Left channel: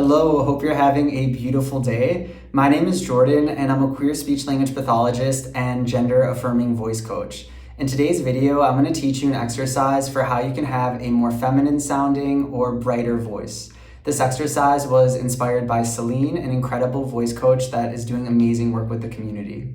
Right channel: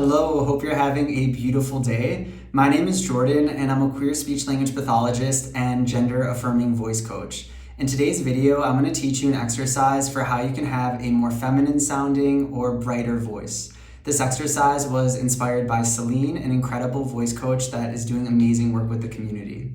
Hello, hope you're having a beautiful day. My name is Jordan and I'm a queer speech language pathologist and gender affirming voice coach. In today's video, I'm going to teach you an exercise for how you can have a more feminine sounding or brighter voice. This exercise was inspired by Selene, an incredible voice coach that is doing amazing work with the community.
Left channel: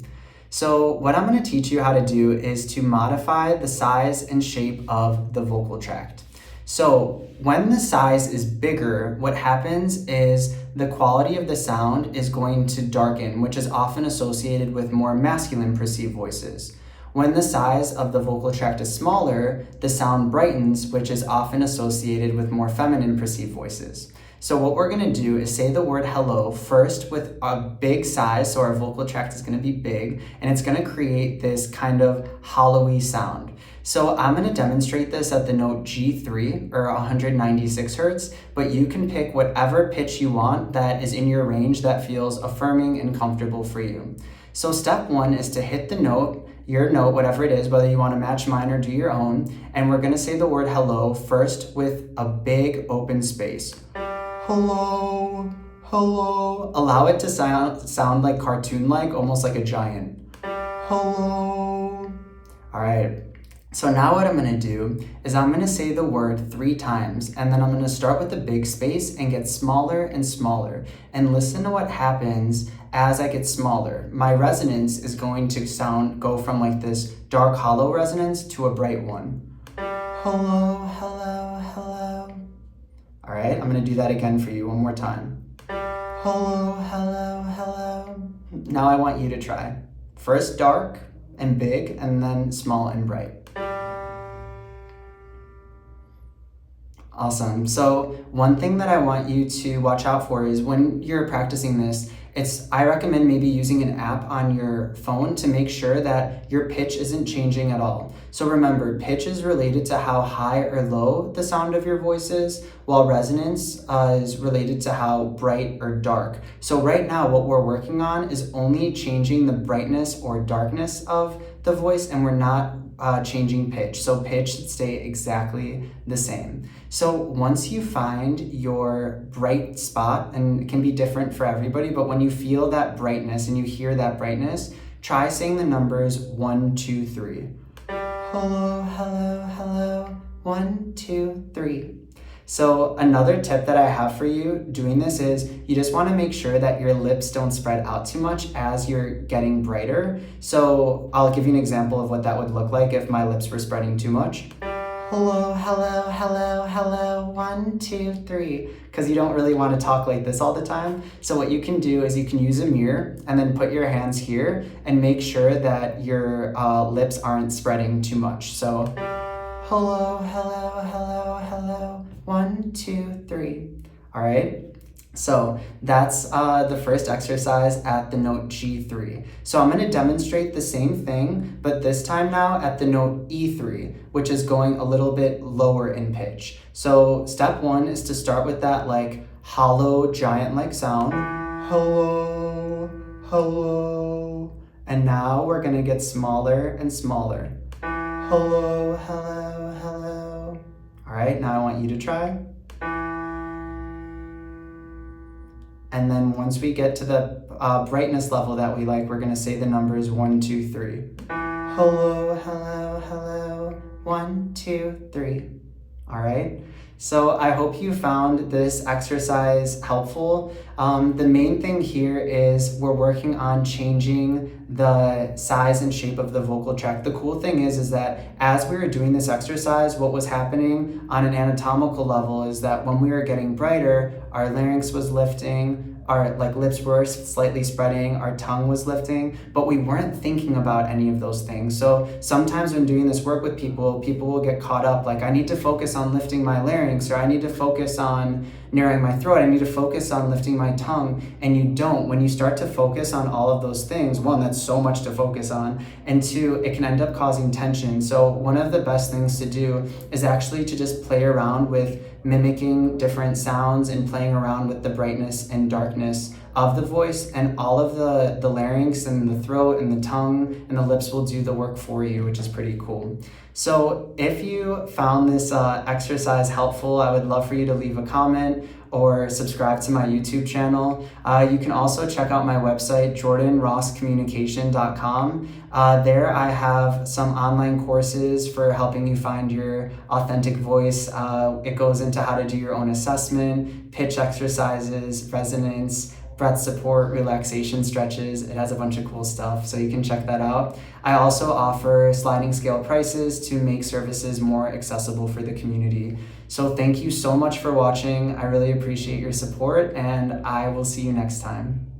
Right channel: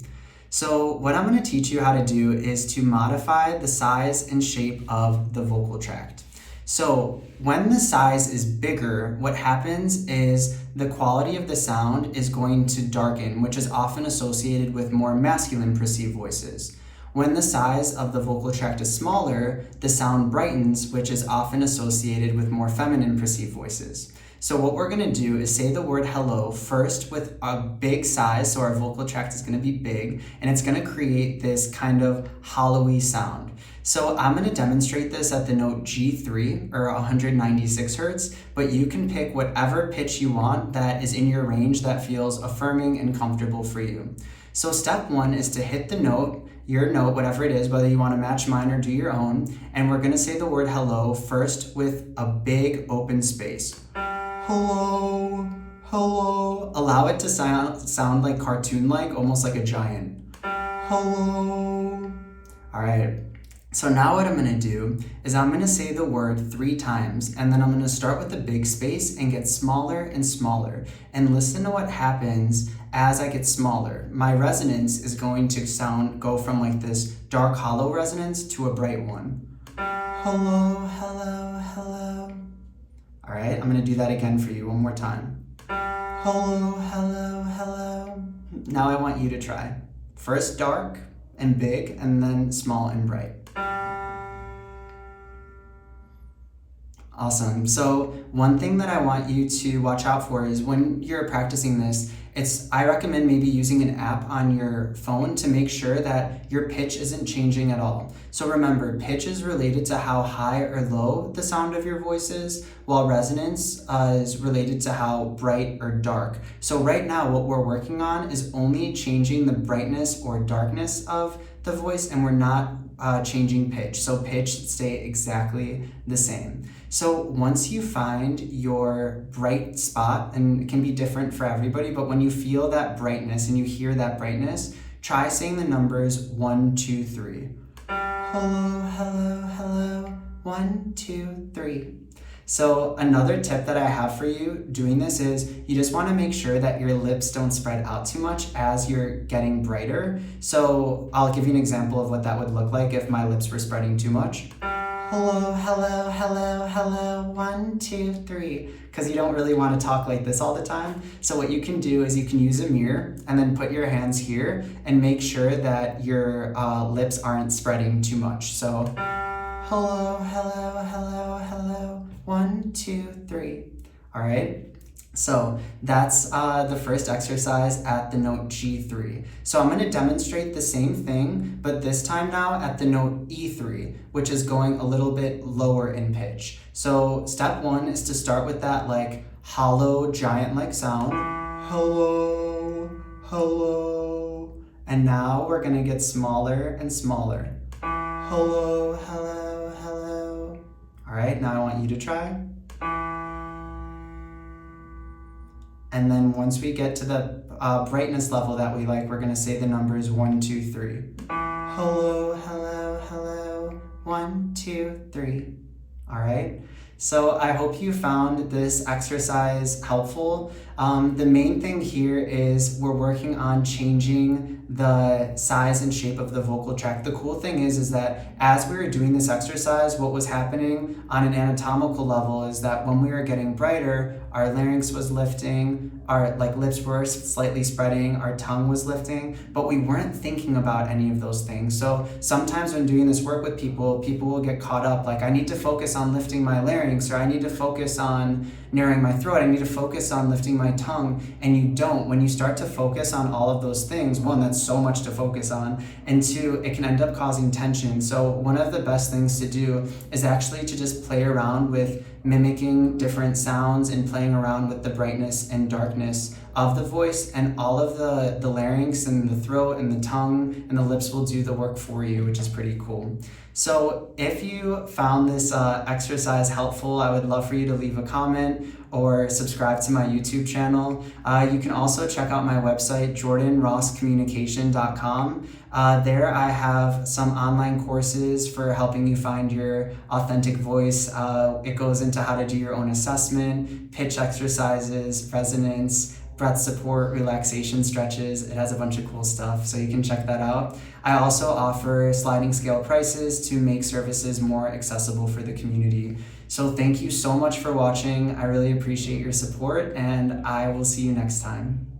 So what I'm going to teach you how to do is to modify the size and shape of the vocal tract. So when the size is bigger, what happens is the quality of the sound is going to darken, which is often associated with more masculine perceived voices. When the size of the vocal tract is smaller, the sound brightens, which is often associated with more feminine perceived voices. So what we're gonna do is say the word hello first with a big size, so our vocal tract is gonna be big, and it's gonna create this kind of hollowy sound. So I'm gonna demonstrate this at the note G3 or 196 hertz, but you can pick whatever pitch you want that is in your range that feels affirming and comfortable for you. So step one is to hit the note, your note, whatever it is, whether you wanna match mine or do your own, and we're gonna say the word hello first with a big open space. Hello, hello. Allow it to sound like cartoon-like, almost like a giant. Hello. All right. So now what I'm gonna do is I'm gonna say the word 3 times, and then I'm gonna start with the big space and get smaller and smaller. And listen to what happens as I get smaller. My resonance is going to go from like this dark hollow resonance to a bright one. Hello, hello, hello. All right, I'm gonna do that again for you one more time. Hello, hello, hello. Now I want you to try. First dark and big, and then small and bright. Awesome. So one thing that I want you to watch out for is when you're practicing this, I recommend maybe using an app on your phone to make sure that your pitch isn't changing at all. So remember, pitch is related to how high or low the sound of your voice is, while resonance is related to how bright or dark. So right now, what we're working on is only changing the brightness or darkness of the voice, and we're not changing pitch. So pitch should stay exactly the same. So once you find your bright spot, and it can be different for everybody, but when you feel that brightness and you hear that brightness, try saying the numbers 1, 2, 3. Hello, hello, hello, 1, 2, 3. So another tip that I have for you doing this is you just want to make sure that your lips don't spread out too much as you're getting brighter. So I'll give you an example of what that would look like if my lips were spreading too much. Hello, hello, hello, hello, 1, 2, 3. Because you don't really want to talk like this all the time. So what you can do is you can use a mirror and then put your hands here and make sure that your lips aren't spreading too much. So hello, hello, hello, hello, 1, 2, 3. All right. So that's the first exercise at the note G3. So I'm going to demonstrate the same thing, but this time now at the note E3, which is going a little bit lower in pitch. So step one is to start with that like hollow giant-like sound. Hello, hello. And now we're going to get smaller and smaller. Hello, hello, hello. All right, now I want you to try. And then once we get to the brightness level that we like, we're gonna say the numbers 1, 2, 3. Hello, hello, hello, 1, 2, 3. All right. So I hope you found this exercise helpful. The main thing here is we're working on changing the size and shape of the vocal tract. The cool thing is that as we were doing this exercise, what was happening on an anatomical level is that when we were getting brighter, our larynx was lifting, our lips were slightly spreading, our tongue was lifting, but we weren't thinking about any of those things. So sometimes when doing this work with people will get caught up like, I need to focus on lifting my larynx, or I need to focus on narrowing my throat, I need to focus on lifting my tongue, and you don't. When you start to focus on all of those things, one, that's so much to focus on, and two, it can end up causing tension. So one of the best things to do is actually to just play around with mimicking different sounds and playing around with the brightness and darkness of the voice, and all of the larynx and the throat and the tongue and the lips will do the work for you, which is pretty cool. So if you found this exercise helpful, I would love for you to leave a comment or subscribe to my YouTube channel. You can also check out my website, jordanrosscommunication.com. There I have some online courses for helping you find your authentic voice. It goes into how to do your own assessment, pitch exercises, resonance, breath support, relaxation stretches. It has a bunch of cool stuff, so you can check that out. I also offer sliding scale prices to make services more accessible for the community. So thank you so much for watching. I really appreciate your support, and I will see you next time.